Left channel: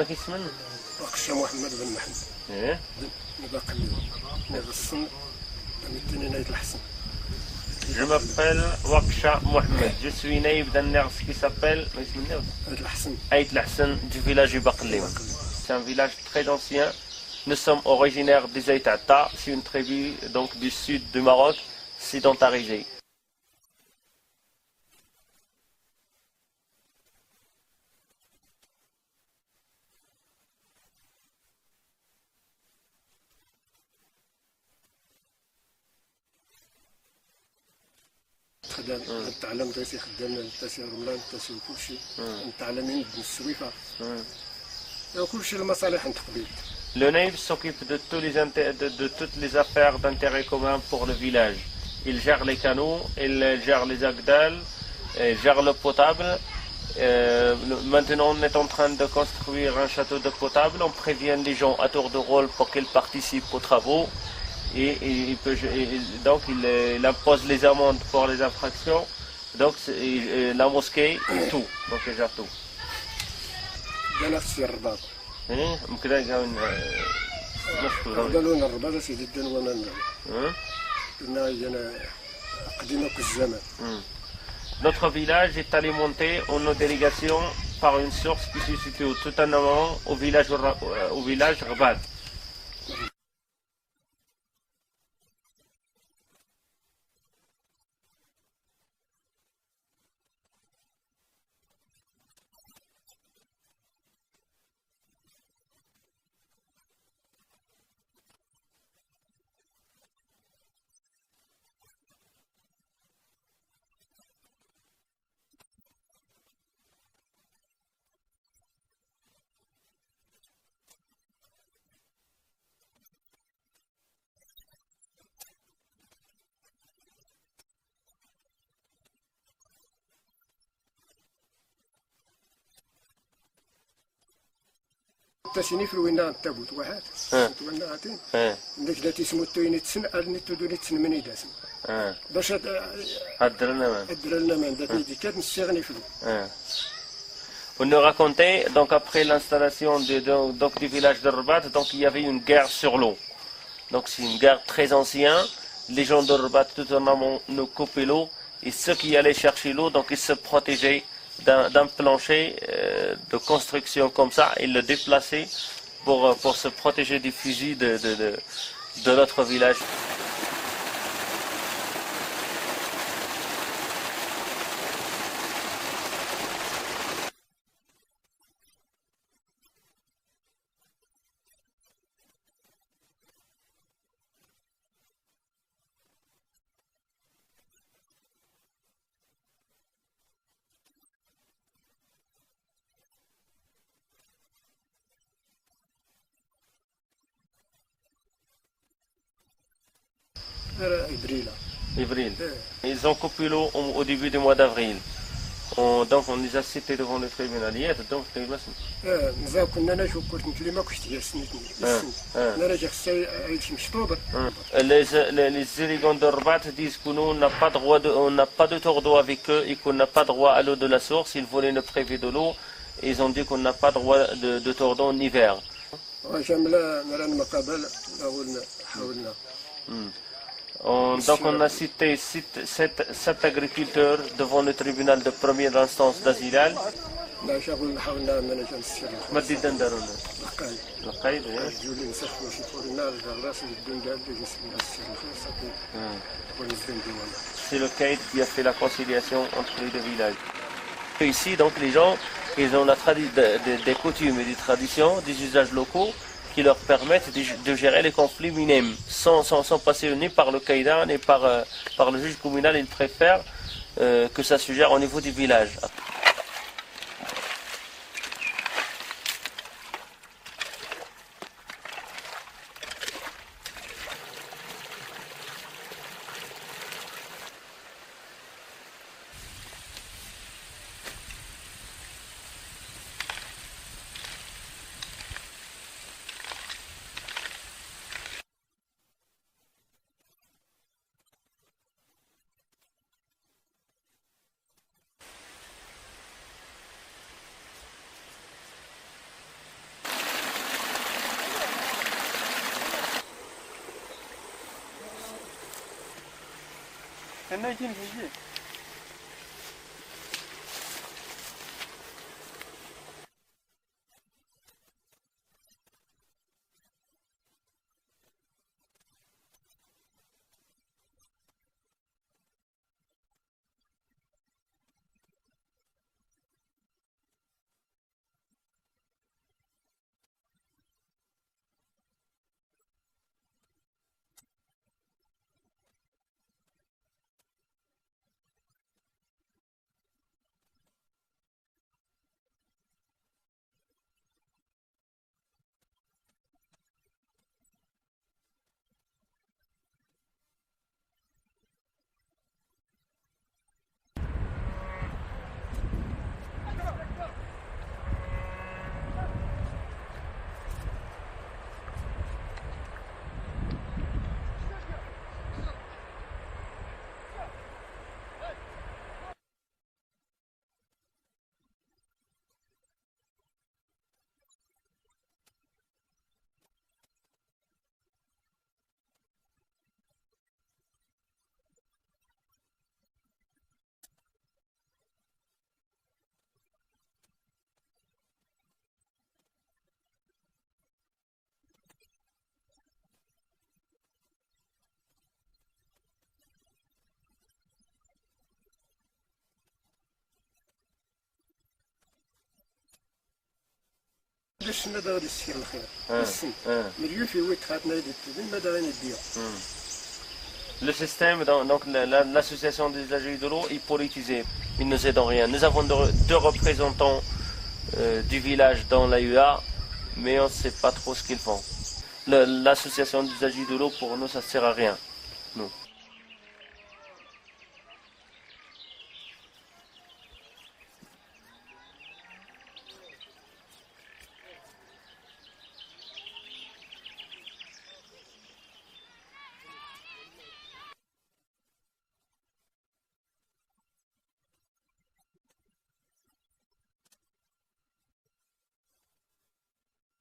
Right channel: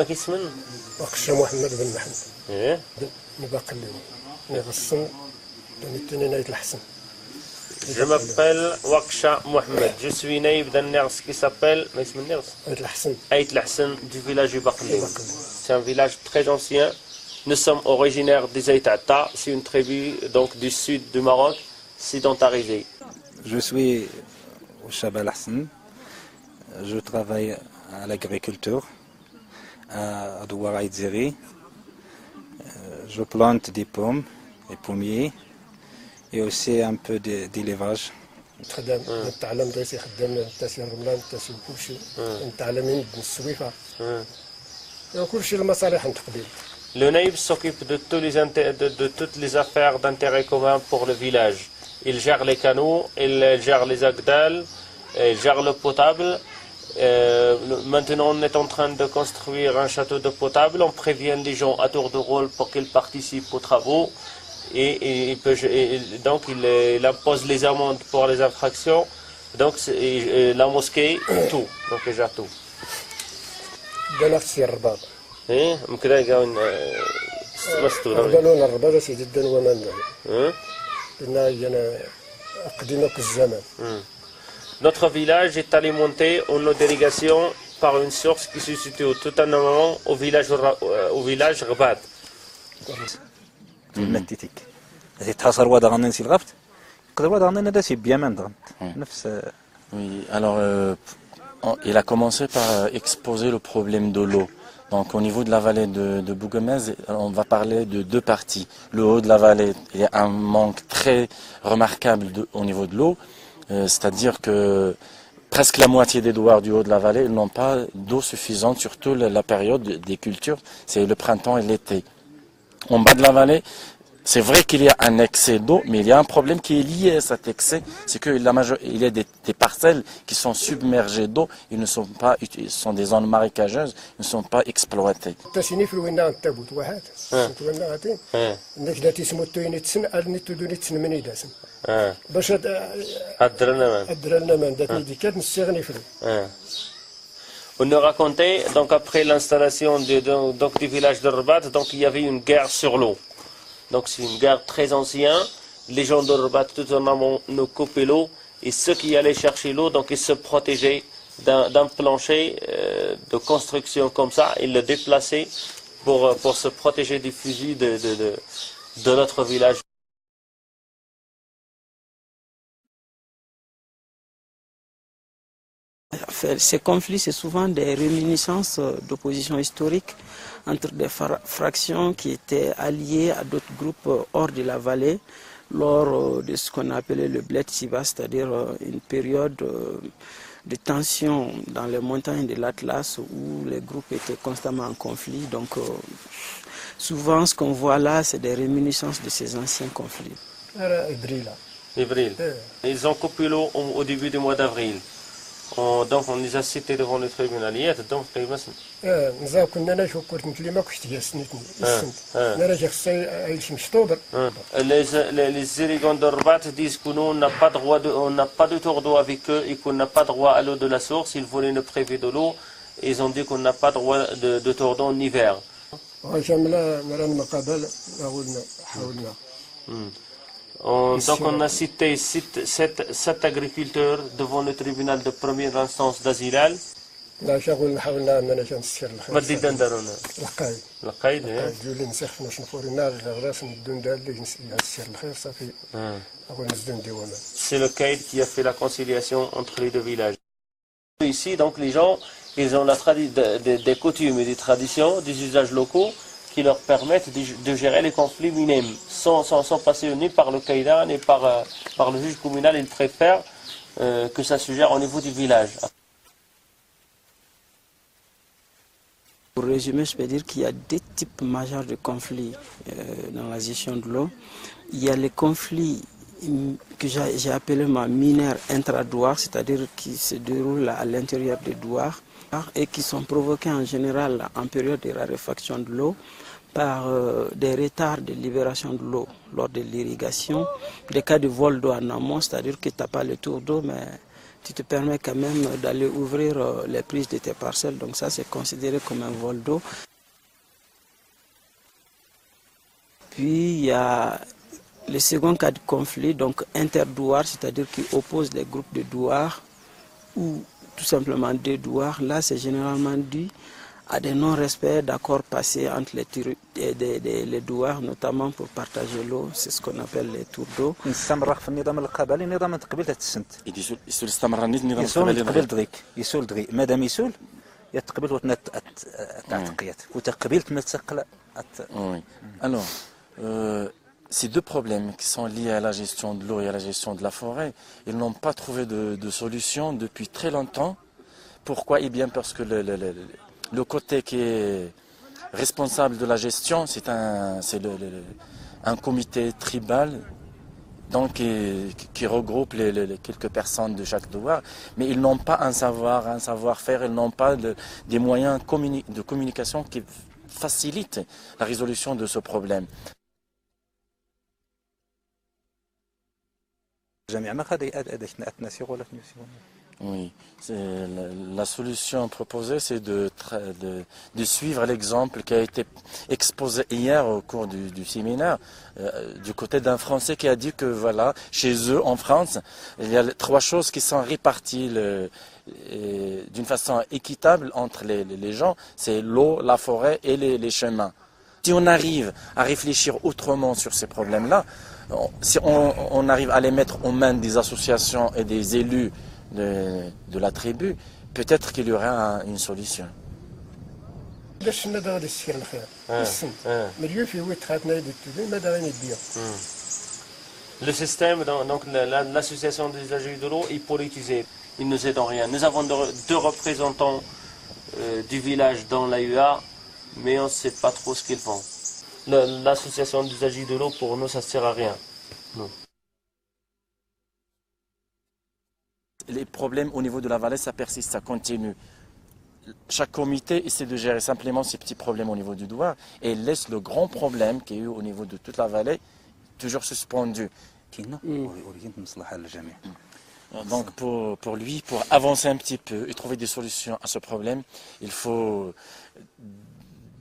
واش اسمن؟ وقشة محمد بن محمد. ايه نبقى اليوم نغسل نتنينايت الحسن. Je m'appelle Waksha Mohamed. Je suis naïf d'un Ners qui s'appelle Aït Lahsen du village du Baklim. C'est un village très ancien. Nous sommes originaires des Aïtata. C'est une tribu donc du sud du Maroc, sédentarisée. Je suis Chaba Lahsen. Je travaille à l'agriculture à Douara Idzeri. Je plante des pommes et pommiers et aussi un peu d'élevage. Le naïf s'occupe de toutes les affaires d'intérêt commun pour le village. Il gère les canaux, il gère les agdals, il gère le potable. Maintenant, on est en train de construire un château de potable. On prévient les gens à tour de rôle pour qu'ils participent aux travaux. Et donc, il impose les amendes pour les infractions. Donc, la mosquée, tout. Donc, il gère tout. Notre village est alimenté en eau d'irrigation par une source qui se situe tout en amont au village Rabad. Oui, alors il a commencé par exposer le problème de l'eau. Donc au niveau de la vallée de Bougamez, on va parler de deux parties. Le haut de la vallée, il y a un manque très remarquable au niveau de l'eau. C'est-à-dire que presque la moitié des douars du haut de la vallée n'ont pas d'eau suffisante, surtout la période des cultures, c'est le printemps et l'été. En bas de la vallée, c'est vrai qu'il y a un excès d'eau, mais il y a un problème qui est lié à cet excès, c'est qu'il y a des parcelles qui sont submergées d'eau, ils sont des zones marécageuses, ils ne sont pas exploitées. On nous racontait, donc après l'installation du village de Rabat, donc il y avait une guerre sur l'eau. Donc c'est une guerre très ancienne. Les gens de Rabat tout en amont nous coupaient l'eau et ceux qui allaient chercher l'eau, donc ils se protégeaient d'un plancher de construction comme ça, ils le déplaçaient pour se protéger des fusils de notre village. Ces conflits, c'est souvent des réminiscences d'opposition historique entre des fractions qui étaient alliées à d'autres groupes hors de la vallée lors de ce qu'on appelait le Bled Siva, c'est-à-dire une période de tension dans les montagnes de l'Atlas où les groupes étaient constamment en conflit. Donc souvent ce qu'on voit là, c'est des réminiscences de ces anciens conflits. Avril. Ils ont coupé l'eau au début du mois d'avril. Donc on les a cités devant le tribunal. Donc les irrigants de Rabat disent que nous, on n'a pas de tour d'eau avec eux et qu'on n'a pas droit à l'eau de la source. Ils voulaient nous priver de l'eau et ils ont dit qu'on n'a pas droit de tour d'eau en hiver. Donc on a cité 7 agriculteurs devant le tribunal de première instance d'Azilal. C'est le caïd qui a fait la conciliation entre les deux villages. Ici, donc les gens, ils ont des coutumes et des traditions, des usages locaux qui leur permettent de gérer les conflits minimes sans passer ni par le caïda ni par le juge communal. Ils préfèrent que ça se gère au niveau du village. Pour résumer, je peux dire qu'il y a deux types majeurs de conflits dans la gestion de l'eau. Il y a les conflits que j'ai appelés mineurs intradouars, c'est-à-dire qui se déroulent à l'intérieur des douars et qui sont provoqués en général en période de raréfaction de l'eau par des retards de libération de l'eau lors de l'irrigation, des cas de vol d'eau en amont, c'est-à-dire que tu n'as pas le tour d'eau, mais tu te permets quand même d'aller ouvrir les prises de tes parcelles, donc ça c'est considéré comme un vol d'eau. Puis il y a le second cas de conflit, donc interdouar, c'est-à-dire qui oppose les groupes de douars ou tout simplement des douars. Là c'est généralement dû à des non-respects d'accords passés entre les douars, notamment pour partager l'eau, c'est ce qu'on appelle les tours d'eau. نستمر في النظام القبلي نظام تقبيل السنت يسول استمر النظام يسول القبلي تقبيل دغيك يسول دغي مادام يسول يتقبل وتنت تعتقيات وتقبيل تمسقل. Oui. Alors, ces deux problèmes qui sont liés à la gestion de l'eau et à la gestion de la forêt, ils n'ont pas trouvé de solution depuis très longtemps. Pourquoi? Eh bien parce que le côté qui est responsable de la gestion, c'est un comité tribal donc, qui regroupe quelques personnes de chaque douar, mais ils n'ont pas un savoir-faire, ils n'ont pas des moyens de communication qui facilitent la résolution de ce problème. Oui, la solution proposée, c'est de suivre l'exemple qui a été exposé hier au cours du séminaire, du côté d'un Français qui a dit que voilà, chez eux en France, il y a trois choses qui sont réparties d'une façon équitable entre les gens, c'est l'eau, la forêt et les chemins. Si on arrive à réfléchir autrement sur ces problèmes-là, si on arrive à les mettre aux mains des associations et des élus de la tribu, peut-être qu'il y aura une solution. Le système, donc l'association des usagers de l'eau est politisée. Ils ne nous aident en rien. Nous avons deux représentants du village dans l'AUA, mais on ne sait pas trop ce qu'ils font. L'association des usagers de l'eau, pour nous, ça ne sert à rien. Non. Les problèmes au niveau de la vallée, ça persiste, ça continue. Chaque comité essaie de gérer simplement ces petits problèmes au niveau du douar et laisse le grand problème qui est eu au niveau de toute la vallée toujours suspendu. Donc pour lui, pour avancer un petit peu et trouver des solutions à ce problème, il faut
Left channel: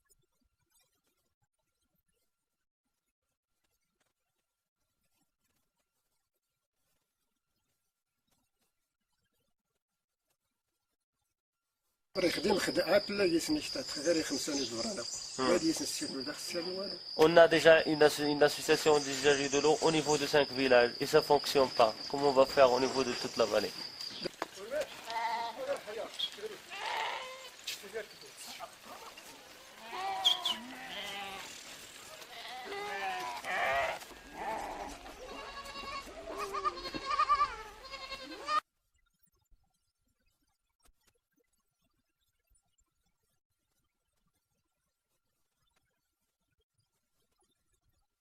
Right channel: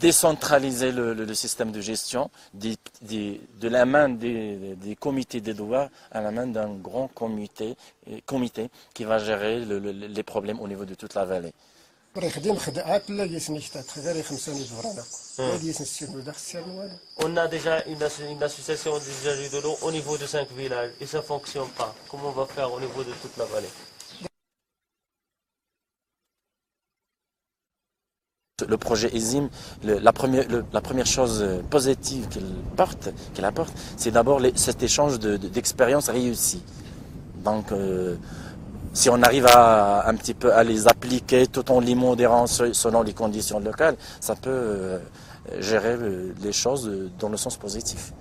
décentraliser le système de gestion de la main des comités des douars à la main d'un grand comité qui va gérer les problèmes au niveau de toute la vallée. On a déjà une association des usagers de l'eau au niveau de 5 villages et ça ne fonctionne pas. Comment on va faire au niveau de toute la vallée? Le projet ESIM, la première chose positive qu'il apporte, c'est d'abord cet échange d'expériences réussies. Donc, si on arrive un petit peu à les appliquer tout en les modérant selon les conditions locales, ça peut gérer les choses dans le sens positif.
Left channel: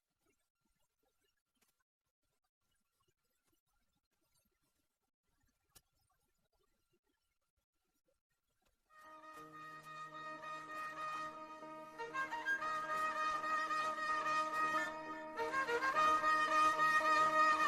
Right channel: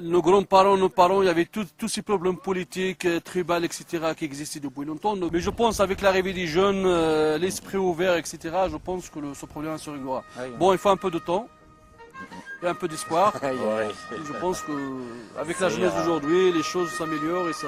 Nos grands-parents, nos parents, il y avait tous ces problèmes politiques, tribaux, etc. qui existaient depuis longtemps. Mais je pense qu'avec l'arrivée des jeunes, l'esprit ouvert, etc., je pense que ce problème se réglera. Bon, il faut un peu de temps et un peu d'espoir. Je pense qu'avec la jeunesse d'aujourd'hui, les choses s'améliorent et ça...